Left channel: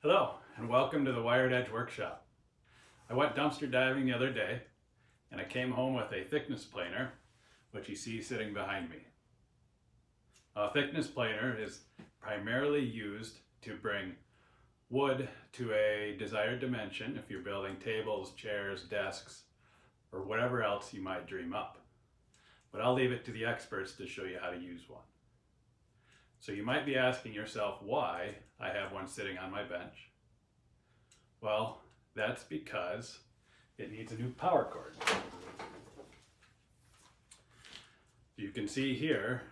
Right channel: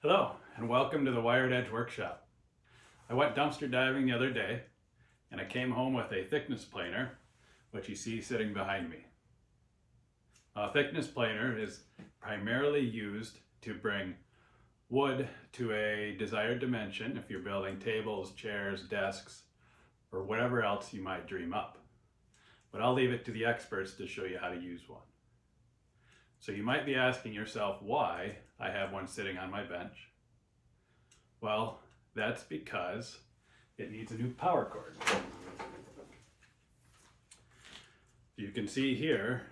Hello, and welcome to the Wired Edge Workshop. I went dumpster diving the other day, and I came home with a thickness planer, which you see sitting behind me. A thickness planer is primarily used to bring wood to a desired dimension if you're building tables, chairs, desks, or whatever else you might dream up. But I'll leave it to the experts to show you how to use one. So you might be asking yourself why I have one sitting on my bench. Well, that's because it needs a new power cord. You can see here,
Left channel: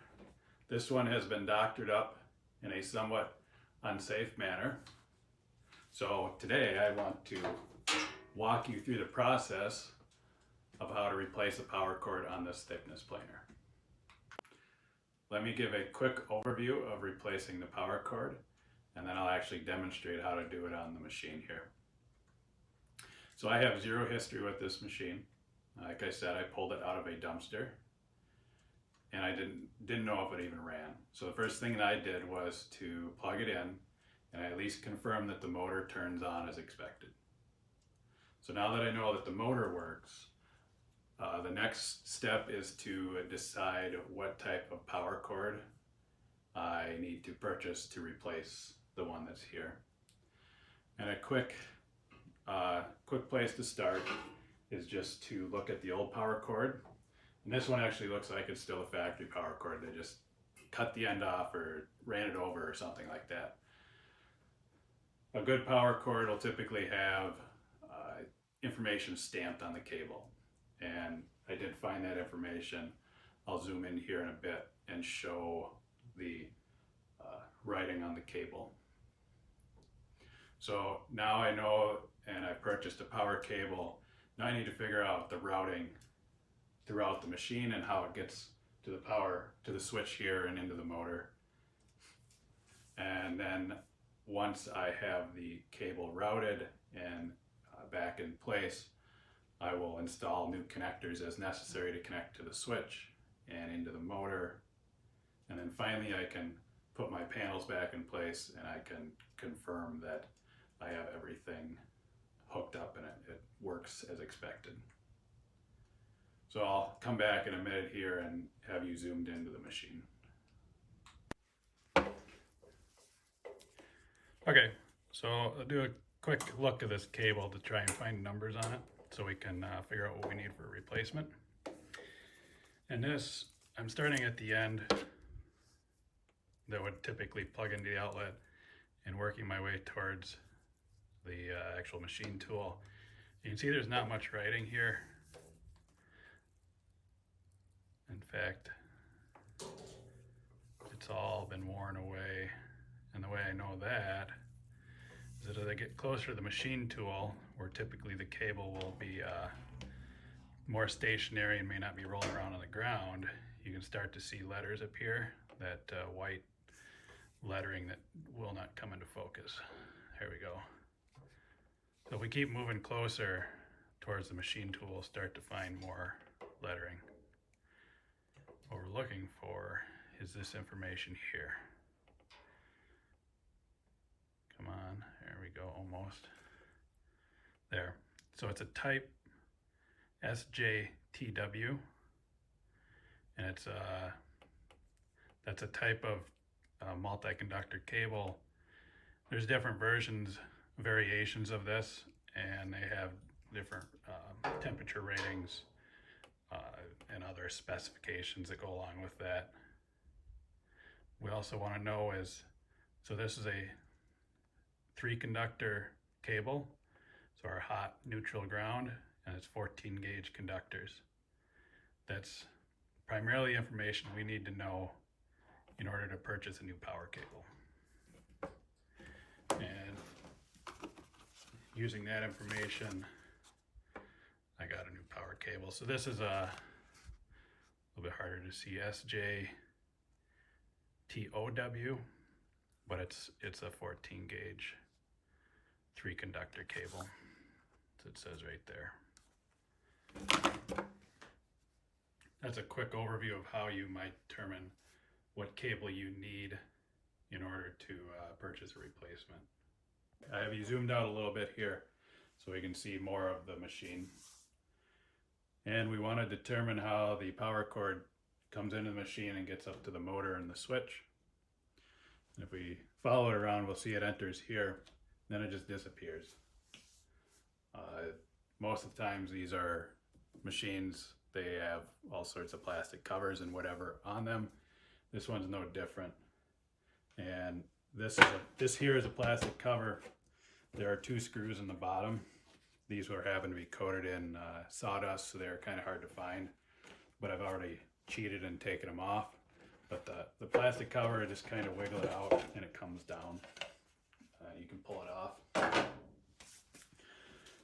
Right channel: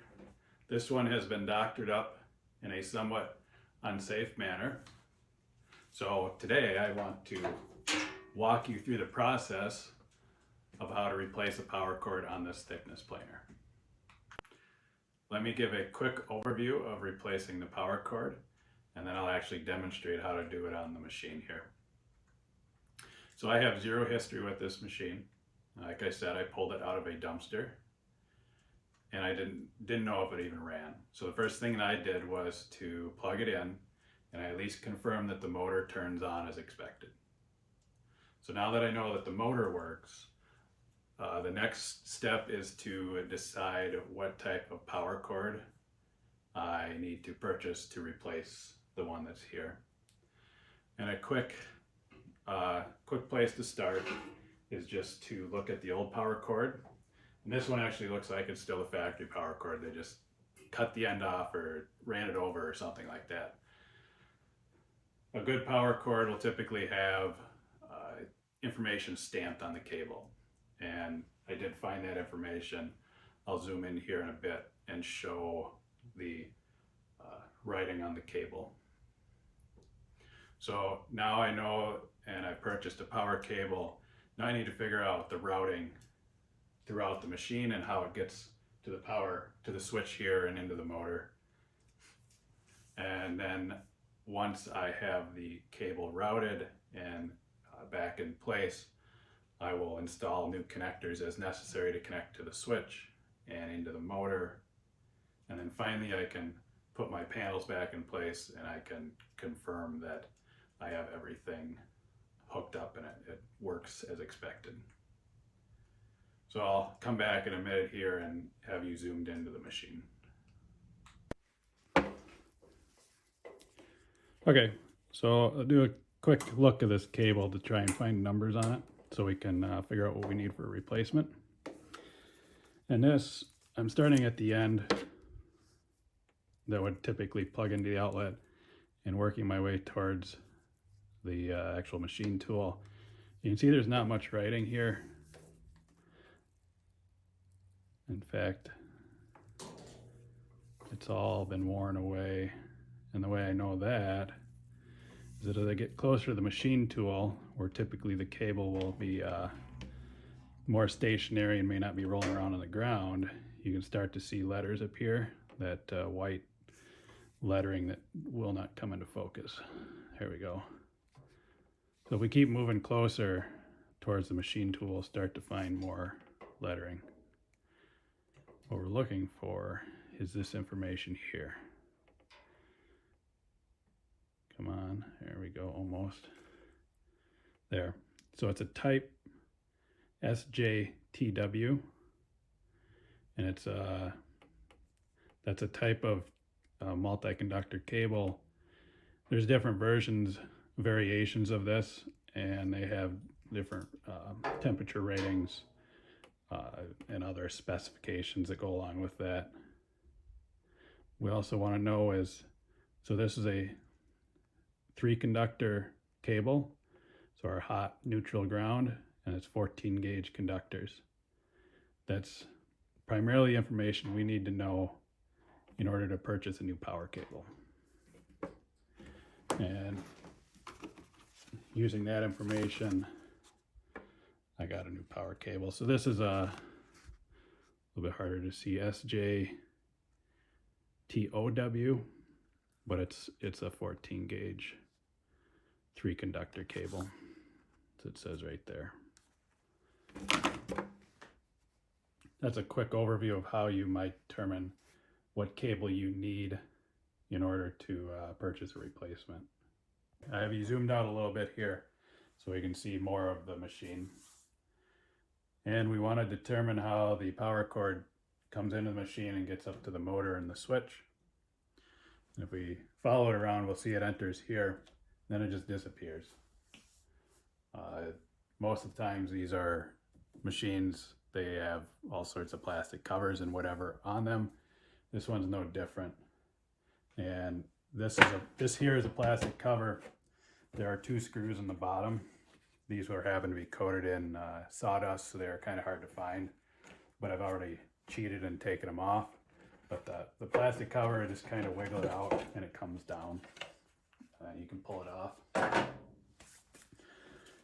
this one has been doctored up in a somewhat unsafe manner. So today I want to walk you through the process of how to replace a power cord on this thickness planer. Let me give a quick overview of replacing the power cord, and then I'll actually demonstrate how to do it on the machine here. So I have zero history with this machine. Like I said, I pulled it out of a dumpster, and I didn't know if it even ran. So the first thing that I did was to plug it in, and I at least confirm that the motor turns on as expected. So now that I know that the motor works, the next step is to decide what type of power cord I need to purchase to replace the one that's here. And a quick place to start is just to look at the old power cord. And this one actually looks like it's still a factory power cord. They just cut the end off or ran it over or something like that. A good power cord will typically have information stamped on the cable. And I did find that information. I'll zoom in here in a bit and show the writing on the cable. So now I know, and I purchased a power cable. Now I need to figure out the routing throughout the machine and how it gets to the power, to the switch here and into the motor. And then once I have the cable routed and back in place, I will install new connectors as necessary to connect to the switch and into the motor. And then finally I can put my panels back in place and I can confirm that I have everything hooked up and it works as expected. So I'll come back in a minute here and have you zoomed into the machine. Okay, so I'll do a quick look at this cable to try and find numbers on it so we can figure out what we need for a replacement. And this, I'm starting at the end that would typically plug into the outlet and working my way towards the actual machine tool. You can see there's not much writing here. In fact, it's all been worn away. And the way I know that is that as I get closer to the machine tool, where typically the cable will be more stationary and may not be rolling around on the ground, you can start to see letters appear, that white lettering that will not come into focus. There we go. So if we keep moving closer towards the machine tool, we'll start to find more lettering. What we're looking for is this information here. Come on, there we go, almost. There. So it's a type SJTW, and it's that's a type of multi-conductor cable. There's different versions, variations of this, and they have different temperature ratings and other specifications that go along with that. We also want to know is, so this is a 3-conductor cable, so our hot, neutral, ground, and it's 14 gauge conductors. That's primarily information we need to know in order to purchase a new power cable. And using that information, I got a new power cable. So this is a little bit harder to see, SJTOW, but it's a 14 gauge 3-conductor cable. So it says right there. That's a quick overview of how you might determine what cable you need in order to purchase a replacement. I have you zoomed out a little bit here so we can see more of the machine. And we want to determine how the power cord comes into the machine and gets up to the motor and the switch. And if we follow it around, we'll see it enters here, then it just disappears. Most of the times these are machines, they have all sorts of plastic covers and whatever on them. This one's no different. And this here is a plastic cover. There are 2 screws in the bottom. These were happen to be coated in sawdust, so they're kind of hard to find, but I've already cheated and taken them off. But the plastic cover, I just kind of wiggle it out and it comes down. You can pull it off.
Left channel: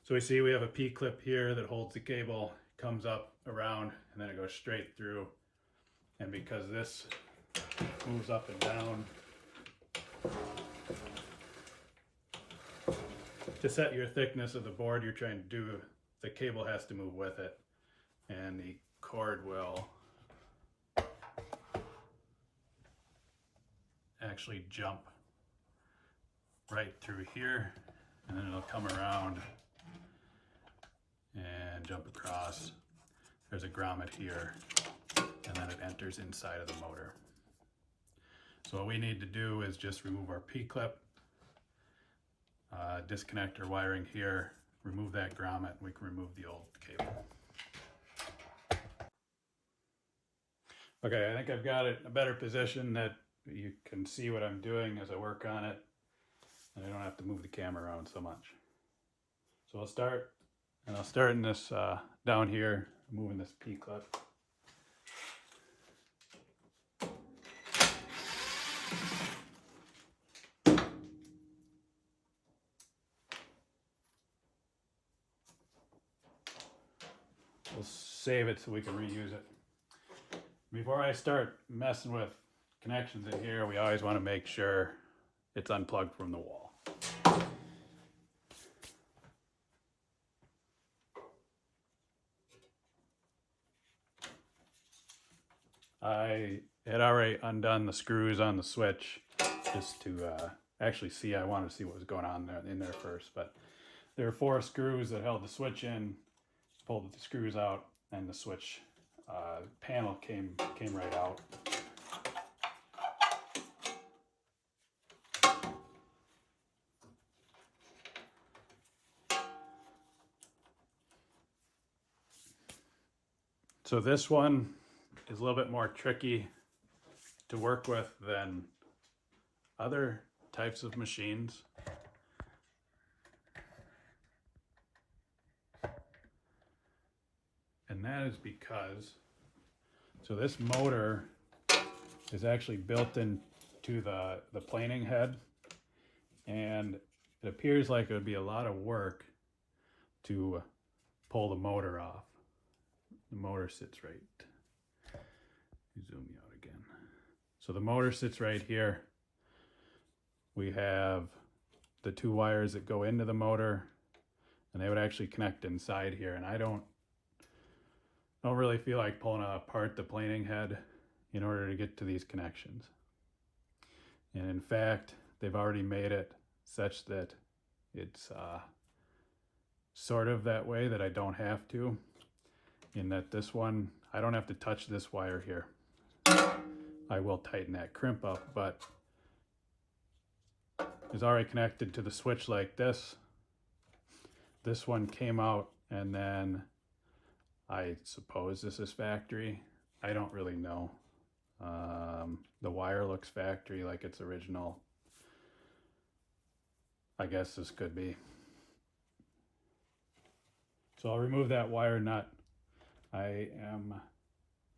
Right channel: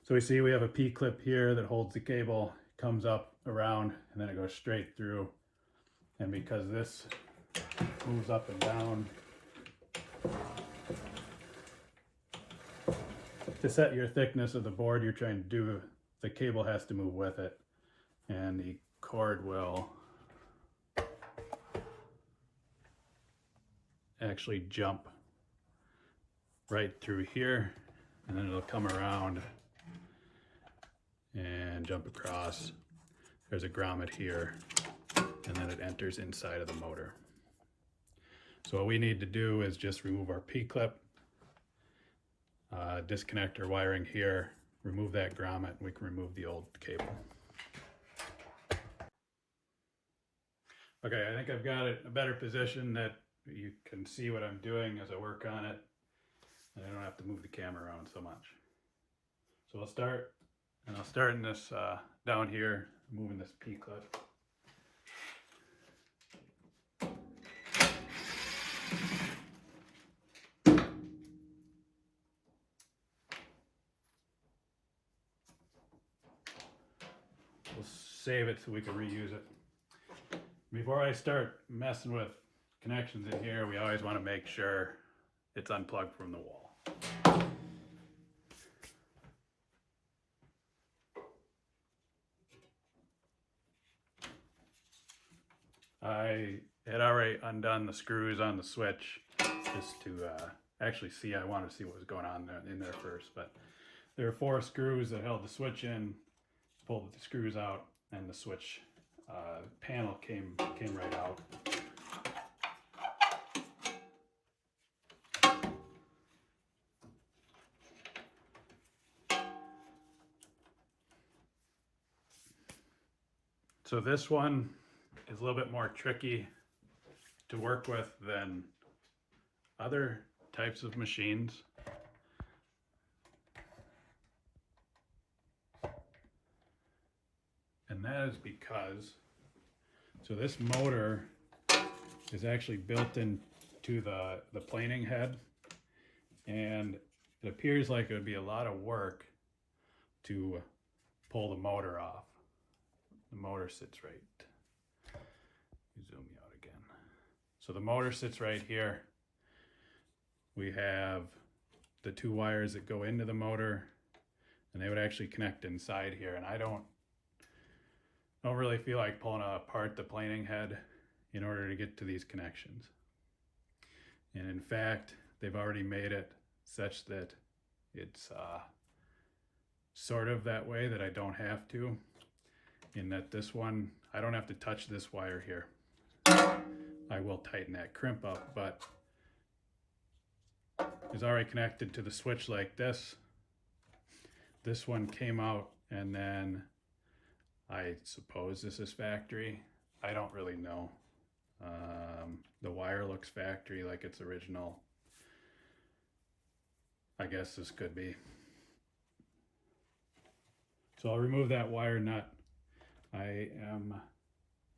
So we see we have a P-clip here that holds the cable, comes up around, and then it goes straight through. And because this moves up and down, to set your thickness of the board you're trying to do, the cable has to move with it, and the cord will actually jump right through here, and then it'll come around and jump across. There's a grommet here, and then it enters inside of the motor. So what we need to do is just remove our P-clip, disconnect our wiring here, remove that grommet, and we can remove the old cable. Okay, I think I've got it in a better position that you can see what I'm doing as I work on it, and I don't have to move the camera around so much. So I'll start in this down here, moving this P-clip. We'll save it so we can reuse it. Before I start messing with connections in here, we always want to make sure it's unplugged from the wall. I had already undone the screws on the switch just to actually see. I wanted to see what was going on in there first, but there were 4 screws that held the switch in. Pulled the screws out, and the switch panel came right out. So this one is a little bit more tricky to work with than other types of machines. And that is because, so this motor is actually built into the planing head, and it appears like it would be a lot of work to pull the motor off. The motor sits right, zoom you out again. So the motor sits right here. We have the 2 wires that go into the motor, and they would actually connect inside here, and I don't really feel like pulling apart the planing head in order to get to these connections. And in fact, they've already made it such that it's sort of that way that I don't have to, in that this one, I don't have to touch this wire here. I will tighten that crimp up, but it's already connected to the switch like this. This one came out, and then I suppose this is factory. I don't really know. The wire looks factory, like it's original. I guess this could be. So I'll remove that wire nut.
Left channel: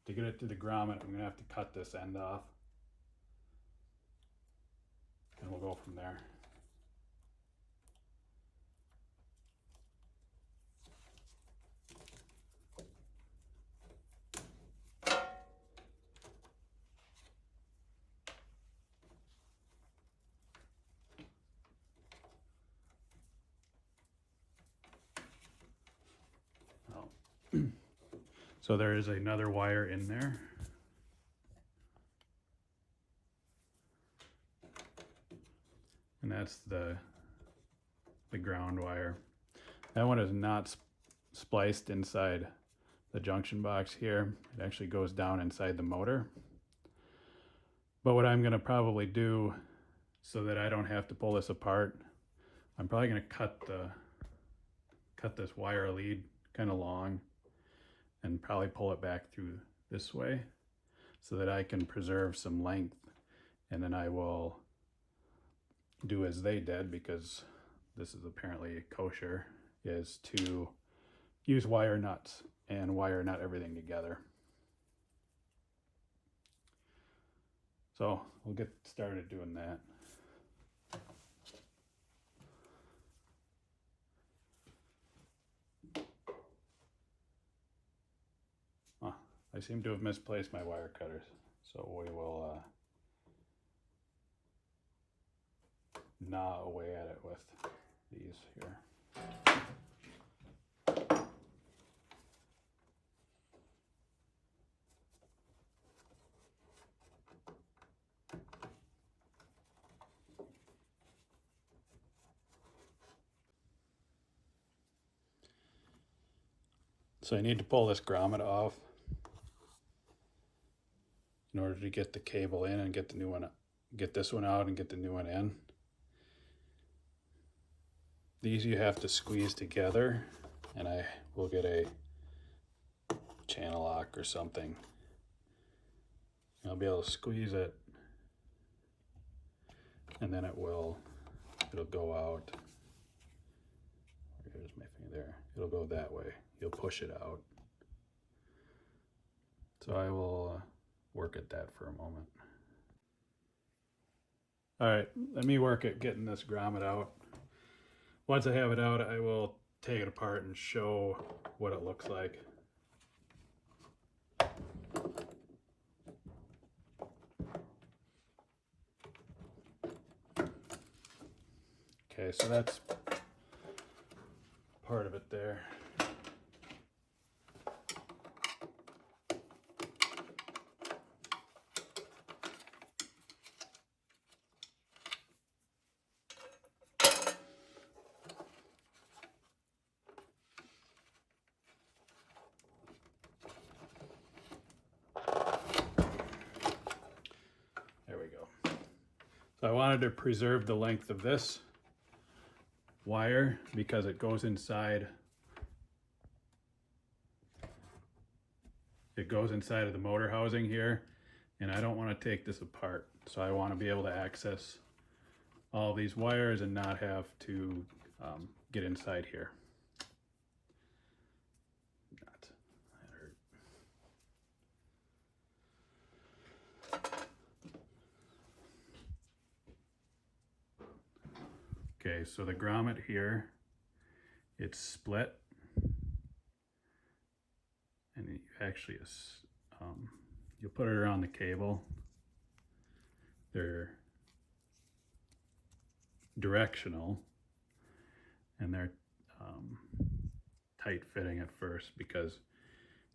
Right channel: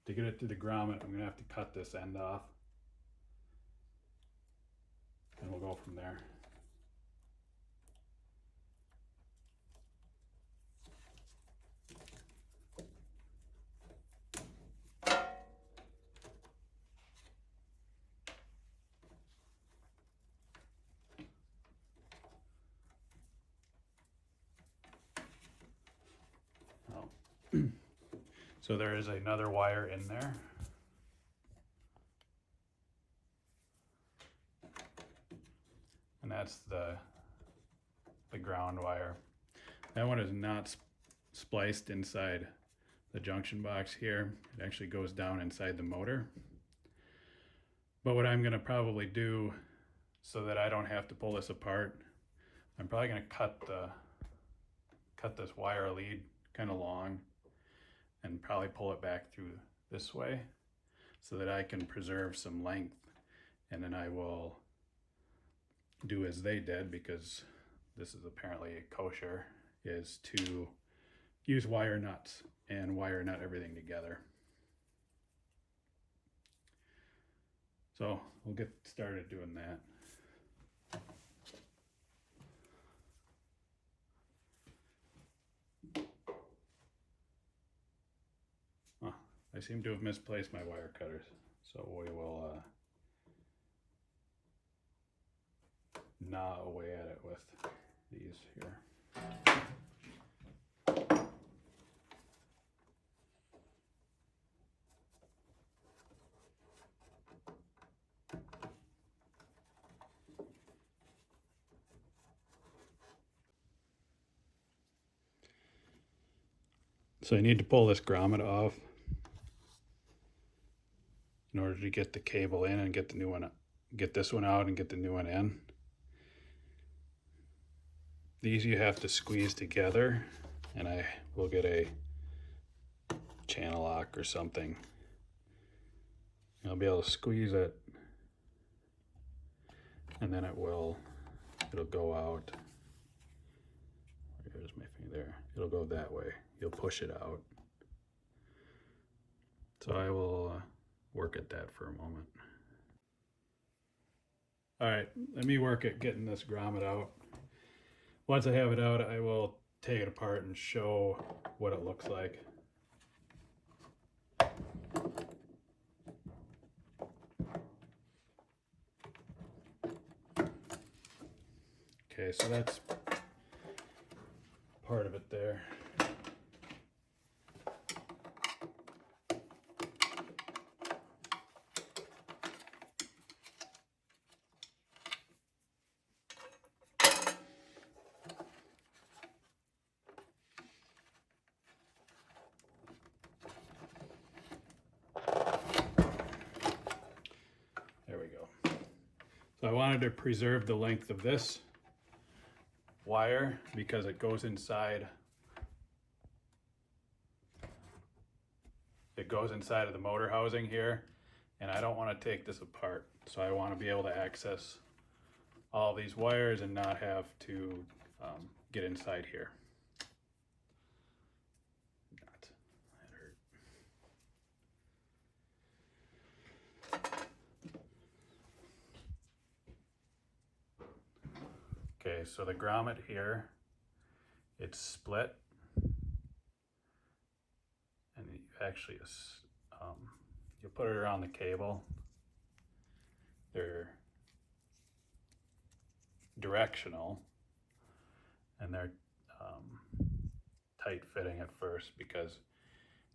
To get it to the grommet, I'm gonna have to cut this end off, and we'll go from there. So there is another wire in there. And that's the ground wire. That one is not spliced inside the junction box here. It actually goes down inside the motor. But what I'm going to probably do, so that I don't have to pull this apart, I'm probably going to cut this wire lead kind of long and probably pull it back through this way so that I can preserve some length. And then I will do as they did, because this is apparently kosher, is to use wire nuts and wire nut everything together. So we'll get started doing that. I seem to have misplaced my wire cutters, so we will gnaw away at it with these here. So I need to pull this grommet off in order to get the cable in and get the new one, get this one out and get the new one in. These you have to squeeze together, and I will get a channel lock or something. I'll be able to squeeze it, and then it'll go out. There's my finger there. It'll go that way. You'll push it out. So I will work at that for a moment. All right, let me work at getting this grommet out. Once I have it out, I will take it apart and show what it looks like. Okay, so that's part of it there. There we go. So I wanted to preserve the length of this wire because it goes inside. It goes inside of the motor housing here, and I don't want to take this apart. So I want to be able to access all these wires and not have to get inside here. That hurt. Okay, so the grommet here, it's split, and you actually you'll put it around the cable. They're directional, and they're tight fitting at first because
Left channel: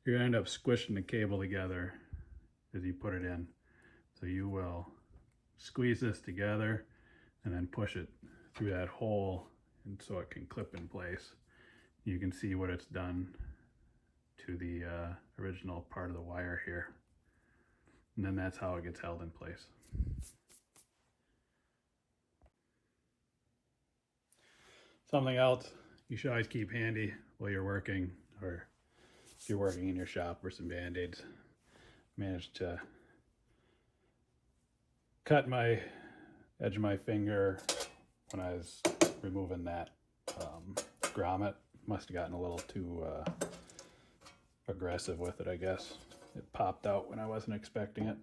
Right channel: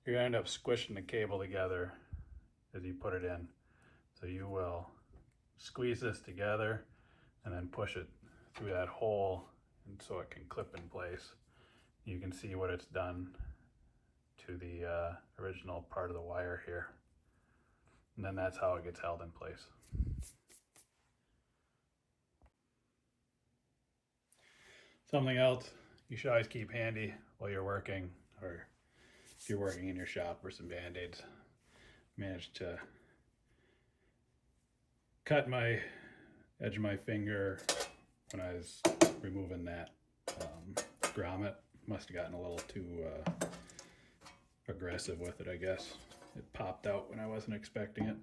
you're gonna end up squishing the cable together as you put it in. So you will squeeze this together and then push it through that hole, and so it can clip in place. You can see what it's done to the original part of the wire here, and then that's how it gets held in place. Something else you should always keep handy while you're working, or if you're working in your shop, or some band-aids. Managed to cut my edge of my finger when I was removing that grommet. Must have gotten a little too aggressive with it, I guess. It popped out when I wasn't expecting it.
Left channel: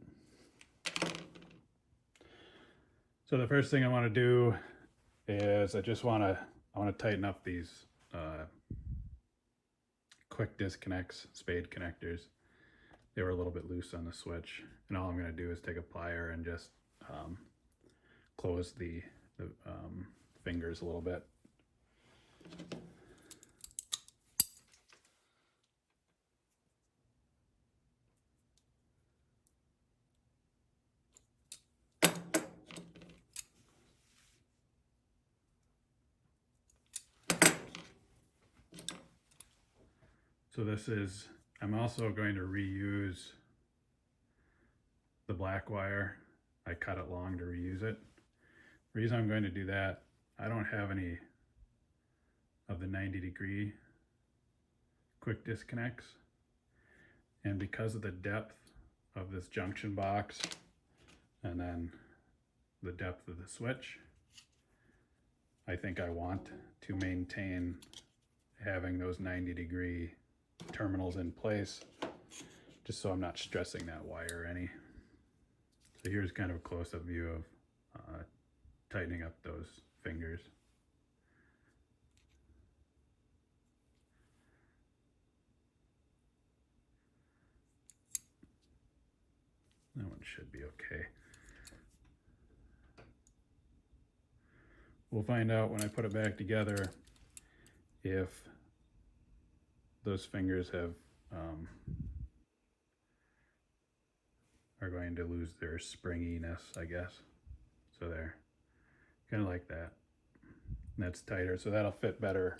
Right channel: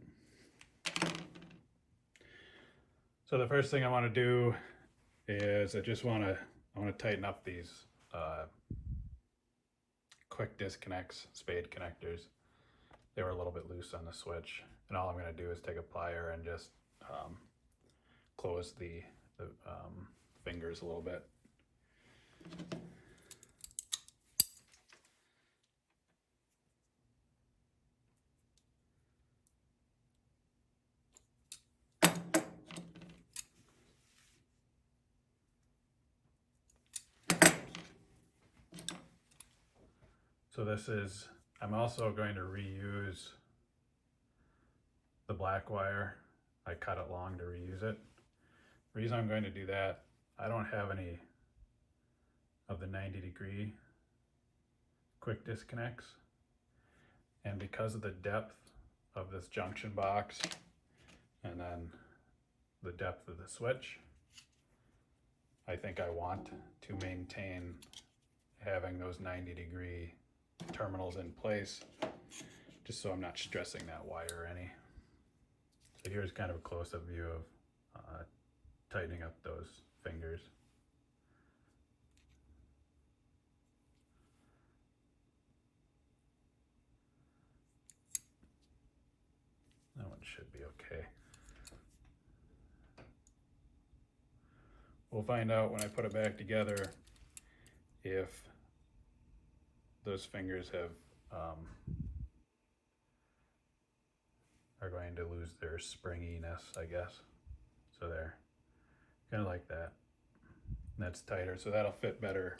So the first thing I want to do is I want to tighten up these quick disconnects, spade connectors. They were a little bit loose on the switch, and all I'm going to do is take a plier and just close the fingers a little bit. So this is, I'm also going to reuse the black wire. I cut it long to reuse it. The reason I'm going to do that, I don't have any of the 90-degree quick disconnects. And because of the depth of this junction box and then the depth of the switch, I think I want to maintain having those 90-degree terminals in place, just so I'm not stressing that wire any. So here's kind of a close-up view of tightening up those fingers. That one should be okay. We'll find out when I put it back together if those fingers have are going to lose their springiness, I guess. So they're kind of like that. And that's tighter, so that'll fit better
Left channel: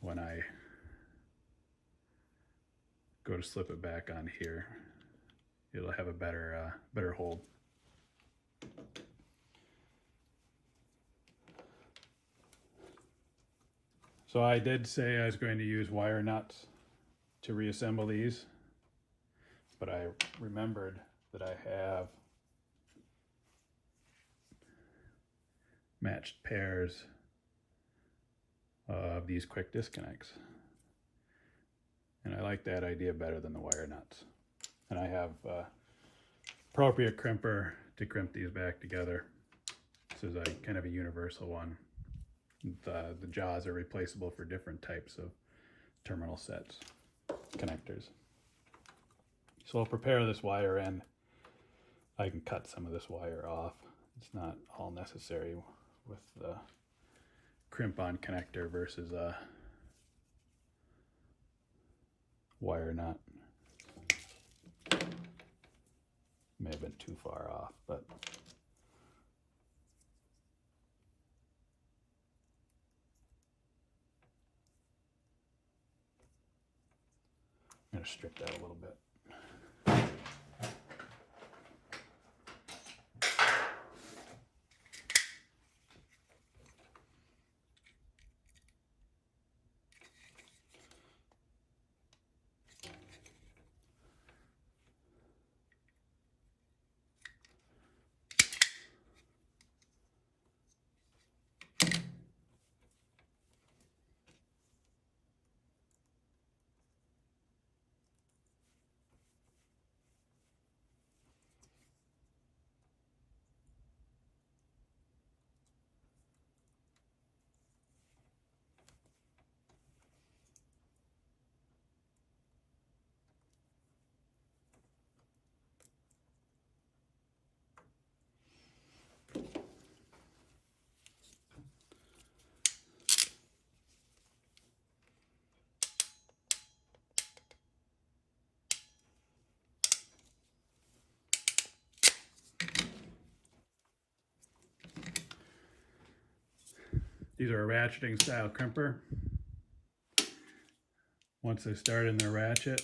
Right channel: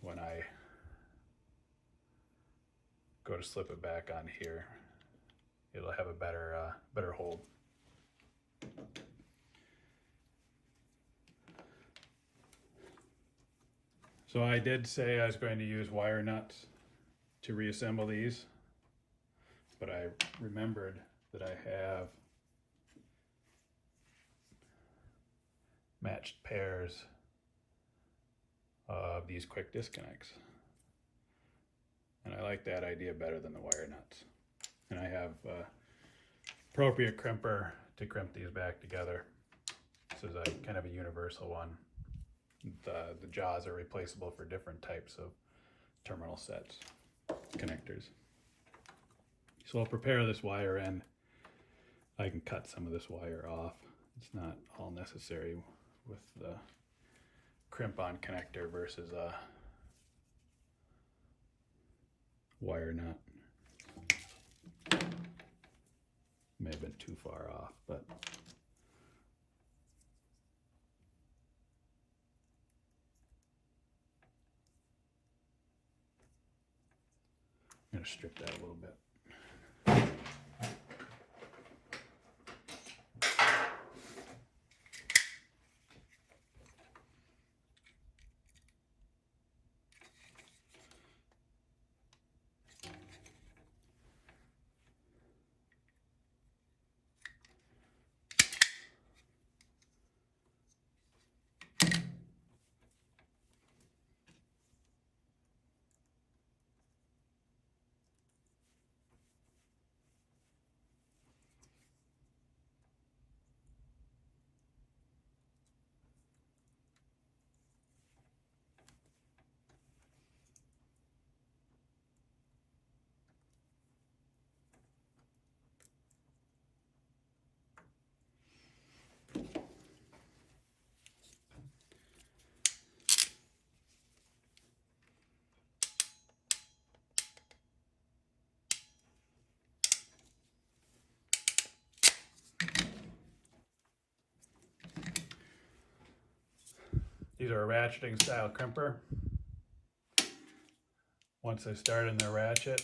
when I go to slip it back on here. It'll have a better hold. So I did say I was going to use wire nuts to reassemble these, but I remembered that I have matched pairs of these quick disconnects. And I like that idea better than the wire nuts. And I have appropriate crimper to crimp these back together. This is a kind of a universal one. The jaws are replaceable for different types of terminal sets, connectors. So I'll prepare this wire end. I can cut some of this wire off. It's not all necessary with the crimp-on connector versus a wire nut. May have been too far off, but I'm going to strip that a little bit. These are a ratcheting style crimper. Once they start in the ratchet,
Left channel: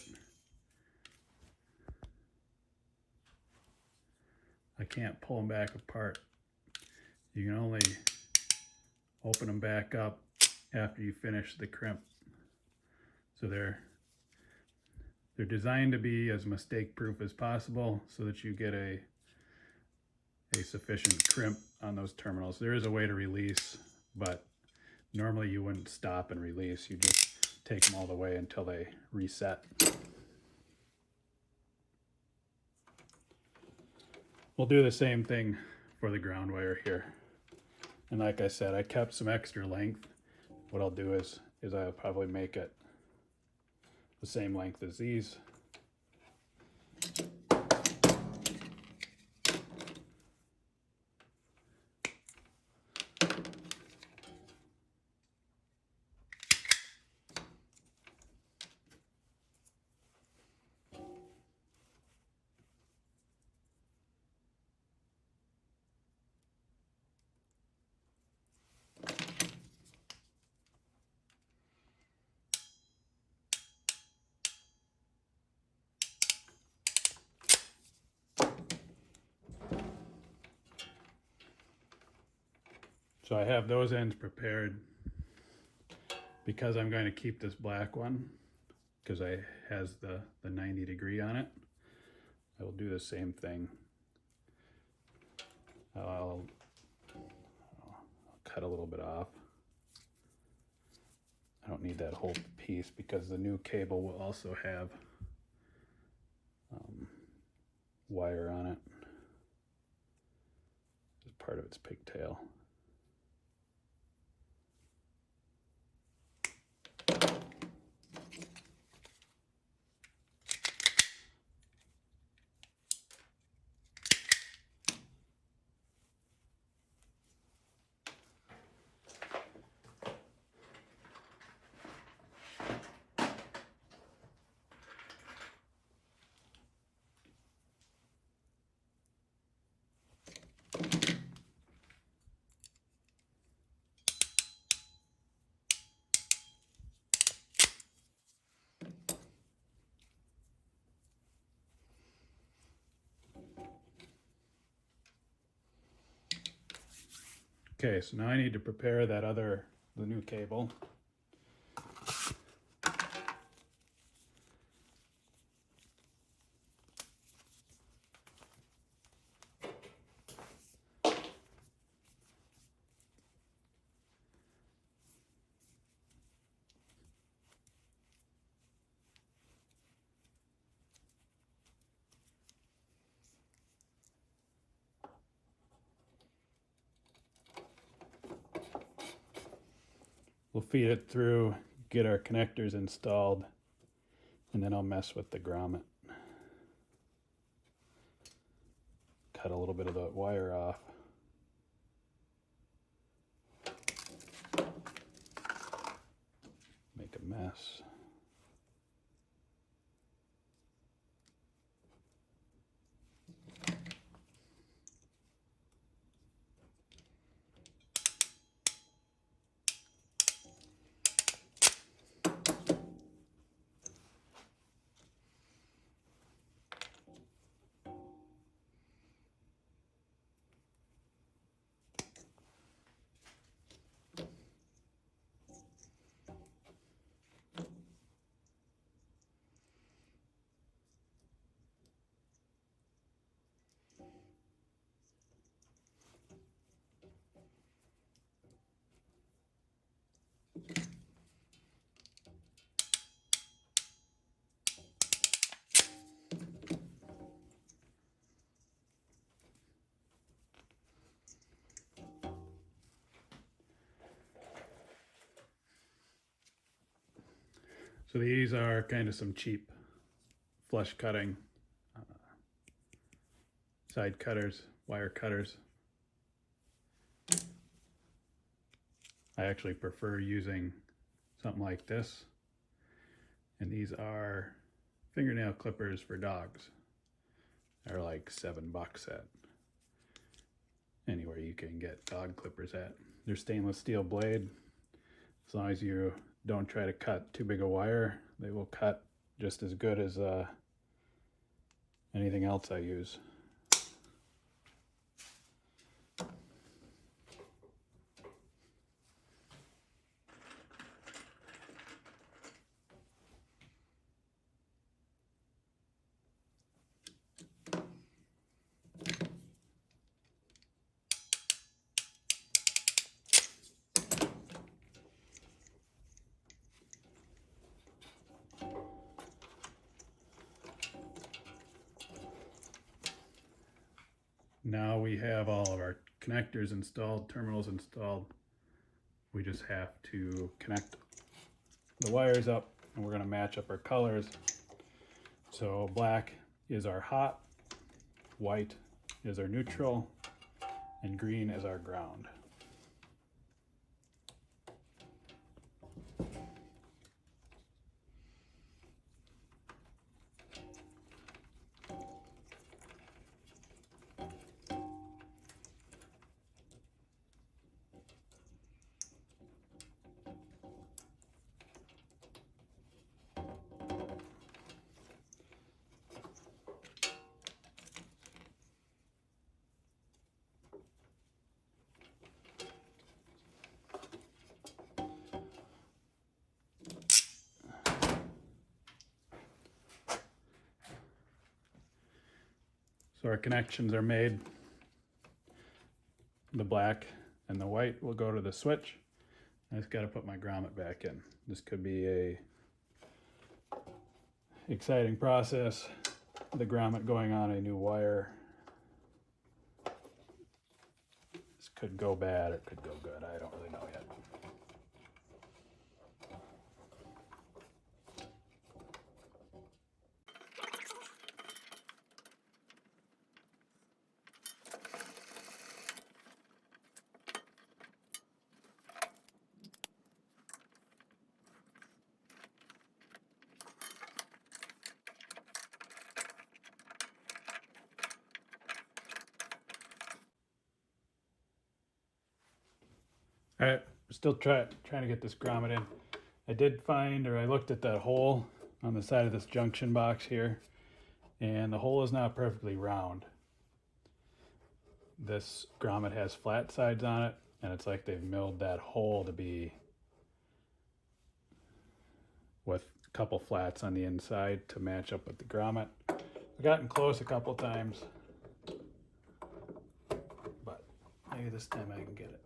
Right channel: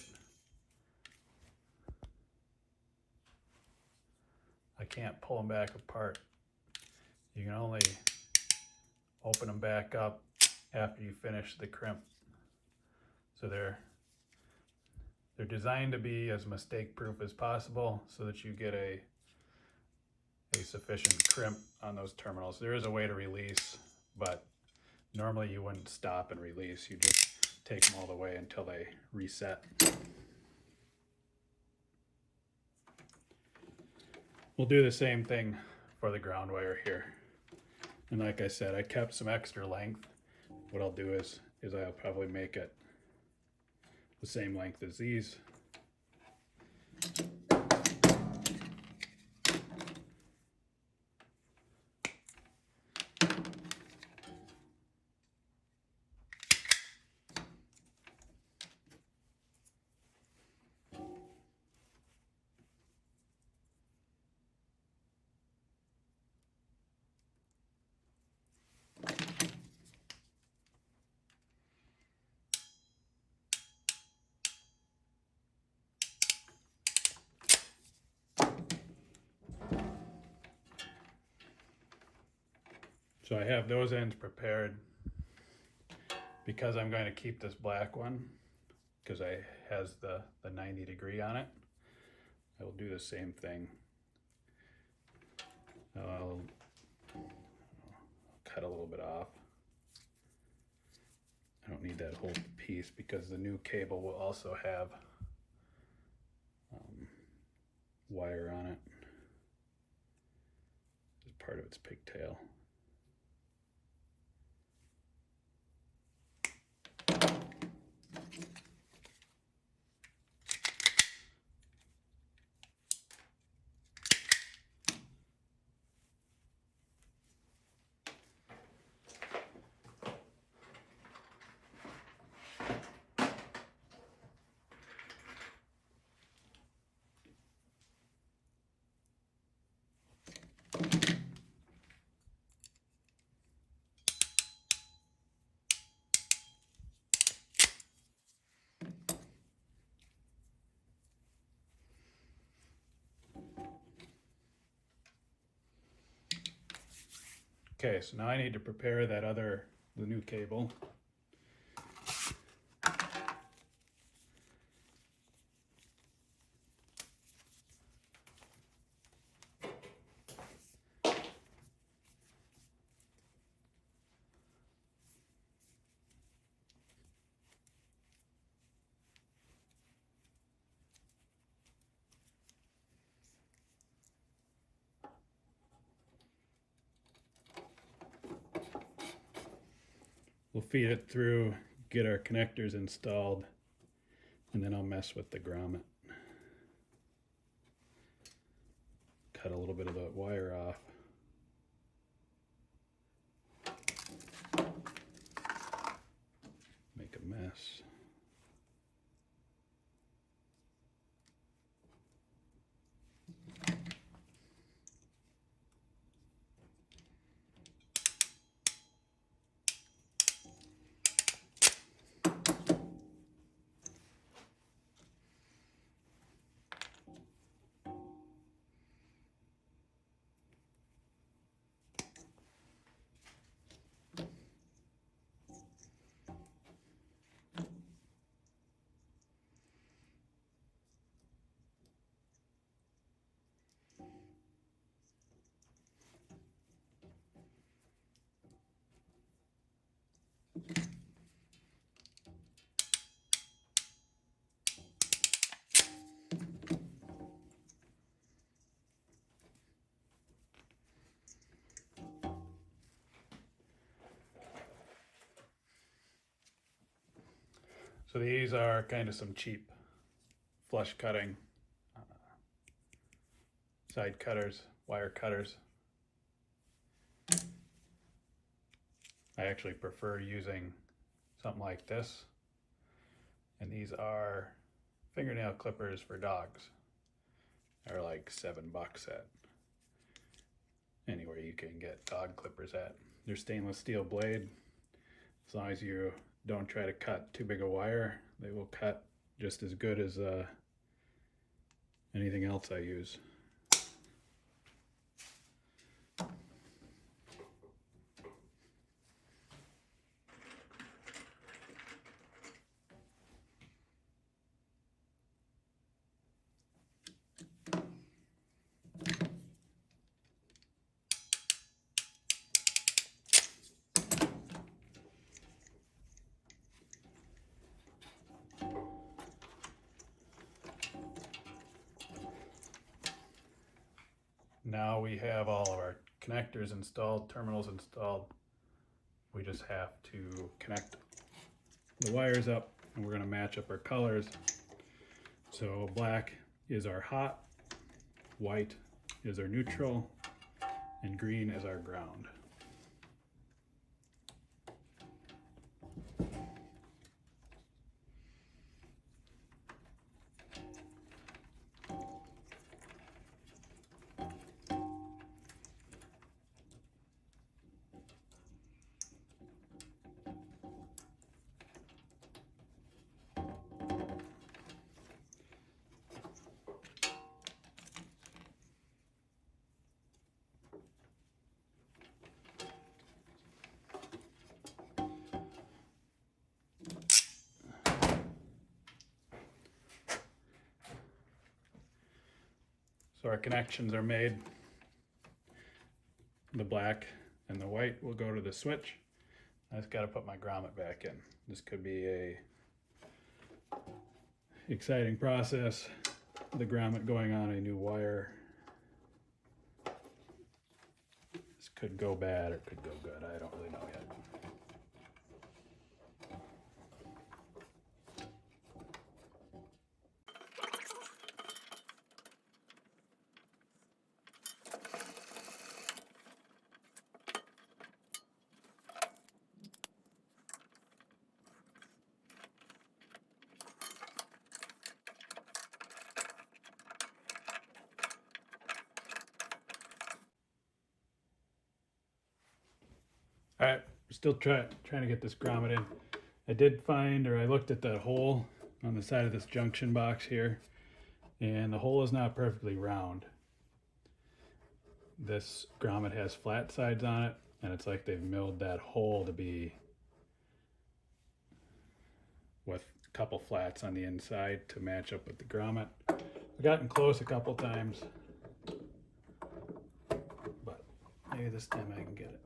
I can't pull them back apart. You can only open them back up after you finish the crimp. So they're designed to be as mistake proof as possible so that you get a sufficient crimp on those terminals. There is a way to release, but normally you wouldn't stop and release. You just take them all the way until they reset. We'll do the same thing for the ground wire here. And like I said, I kept some extra length. What I'll do is I'll probably make it the same length as these. So I have those ends prepared because I'm going to keep this black one because it has the 90-degree on it. I will do the same thing. I'll cut a little bit off. I don't need that whole piece because the new cable will also have wire on it as part of its pigtail. Okay, so now I need to prepare the new cable. We'll feed it through, get our connectors installed, and then I'll mess with the grommet. Cut a little bit of the wire off. Make a mess. So these are kind of some cheap flush cutting side cutters, wire cutters. I actually prefer using something like this. And these are fingernail clippers for dogs. They're like $7 at anywhere you can get dog clippers at. They're stainless steel blade. As long as you don't try to cut too big a wire, they will cut just as good as anything else I use. Now we have all our connectors installed, terminals installed. We just have to connect the wires up, and we're going to match up our colors. So black is our hot, white is our neutral, and green is our ground. So our connections are made. The black and the white will go to the switch. I just got to put my grommet back in. This could be a exciting process. The grommet going on a new wire. This could go bad or it could go good. I don't really know yet. All right, still trying to get this grommet in. I did find, or I looked at that hole on the side of this junction box here, and the hole is not perfectly round. This grommet has flat sides on it, and it's like they've milled that hole to be with a couple flats on the inside to match up with the grommet. I've gotten close a couple times, but maybe this time I can get it.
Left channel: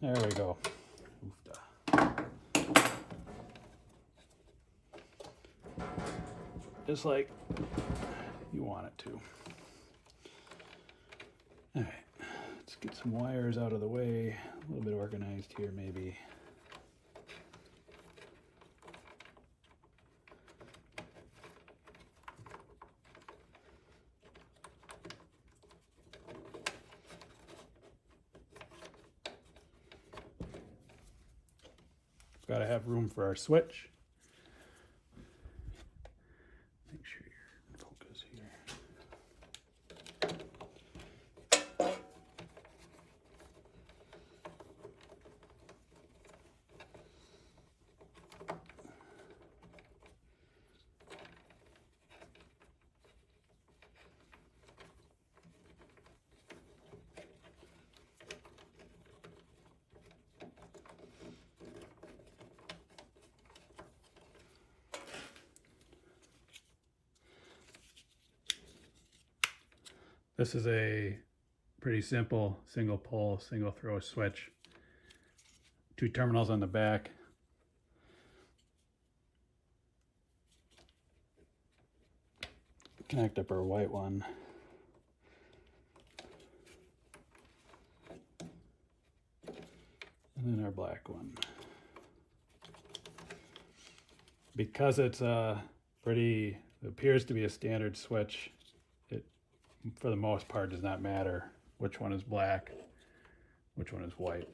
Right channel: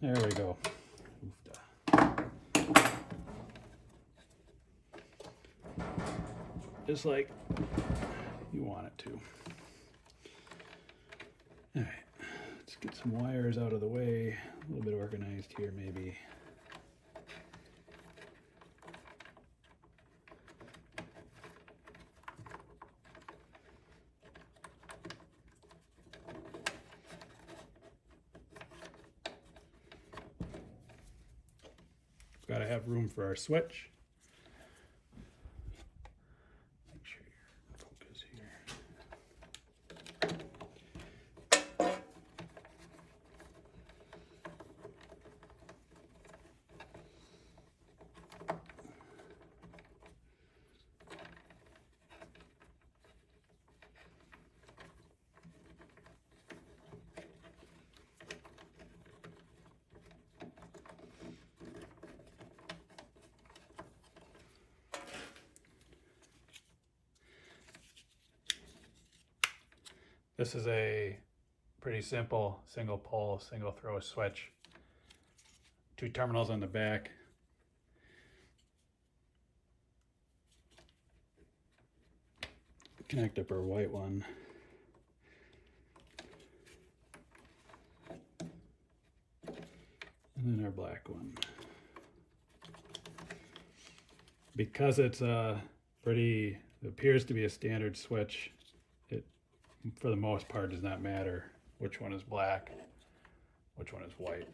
There we go. Just like you want it to. All right, let's get some wires out of the way. A little bit organized here, maybe. Got to have room for our switch. Make sure your focus here. This is a pretty simple single pole, single throw switch. 2 terminals on the back. Connect up our white one. And then our black one. Because it's it appears to be a standard switch, it for the most part does not matter which one is black, which one is white.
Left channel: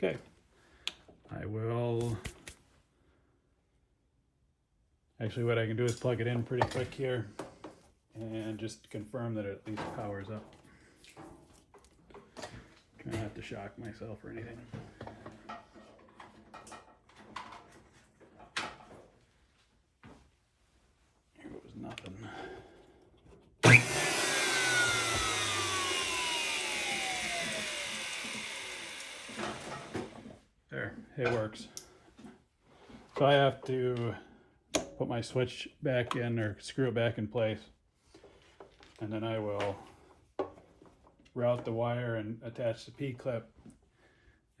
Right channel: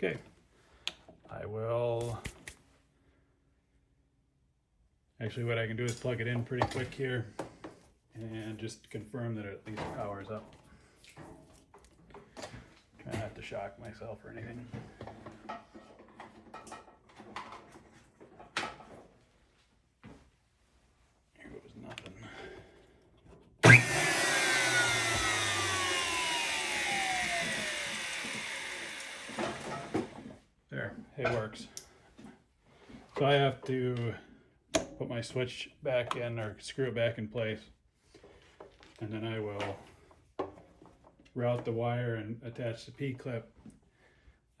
Okay, I will, actually what I can do is plug it in pretty quick here and just confirm that it at least powers up. Try not to shock myself or anything. Here goes nothing. There, it works. So I have to put my switch back in or screw it back in place, and then I will route the wire and attach the P-clip,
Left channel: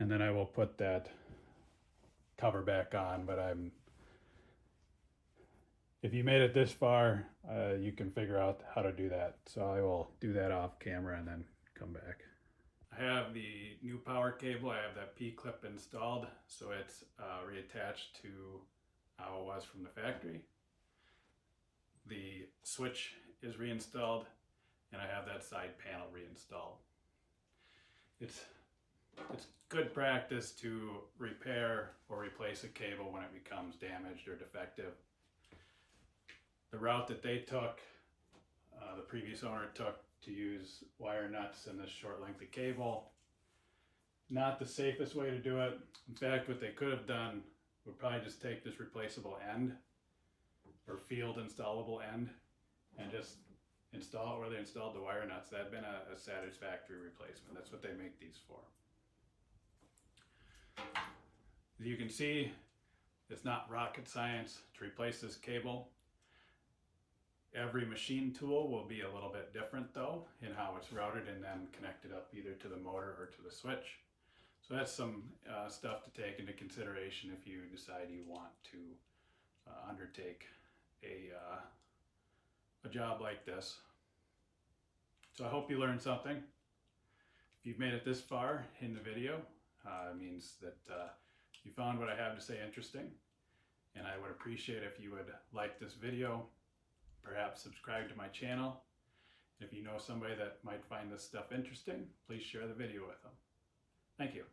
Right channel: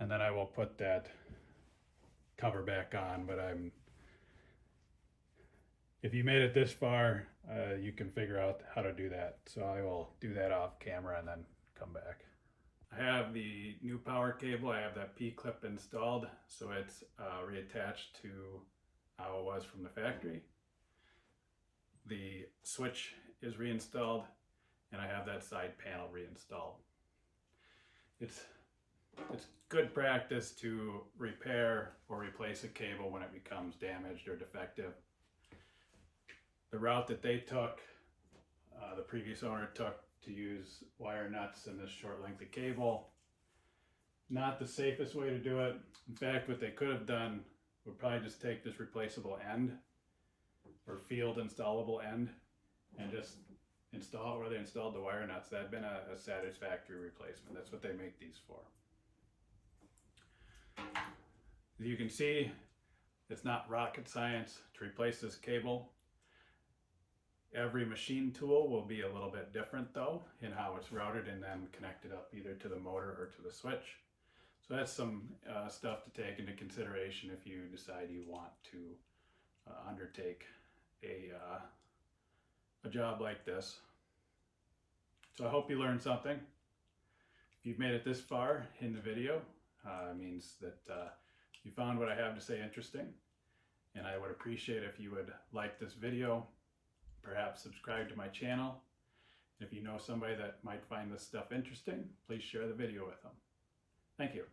and then I will put that cover back on. But if you made it this far, you can figure out how to do that. So I will do that off camera and then come back. I have the new power cable. I have that P-clip installed, so it's reattached to how it was from the factory. The switch is reinstalled, and I have that side panel reinstalled. It's good practice to repair or replace a cable when it becomes damaged or defective. The route that they took, the previous owner took, to use wire nuts and this short length of cable, not the safest way to do it. In fact, what they could have done would probably just take this replaceable end or field installable end and just install it where they installed the wire nuts. That'd been a satisfactory replacement. That's what they make these for. As you can see, it's not rocket science to replace this cable. Every machine tool will be a little bit different though in how it's routed and then connected up either to the motor or to the switch. So that's some stuff to take into consideration if you decide you want to undertake a job like this. So I hope you learned something. If you've made it this far in the video, it means that you found what I have to say interesting. And I would appreciate if you would like this video, perhaps subscribe to my channel. If you know somebody that might find this stuff interesting, please share the video with them. Thank you.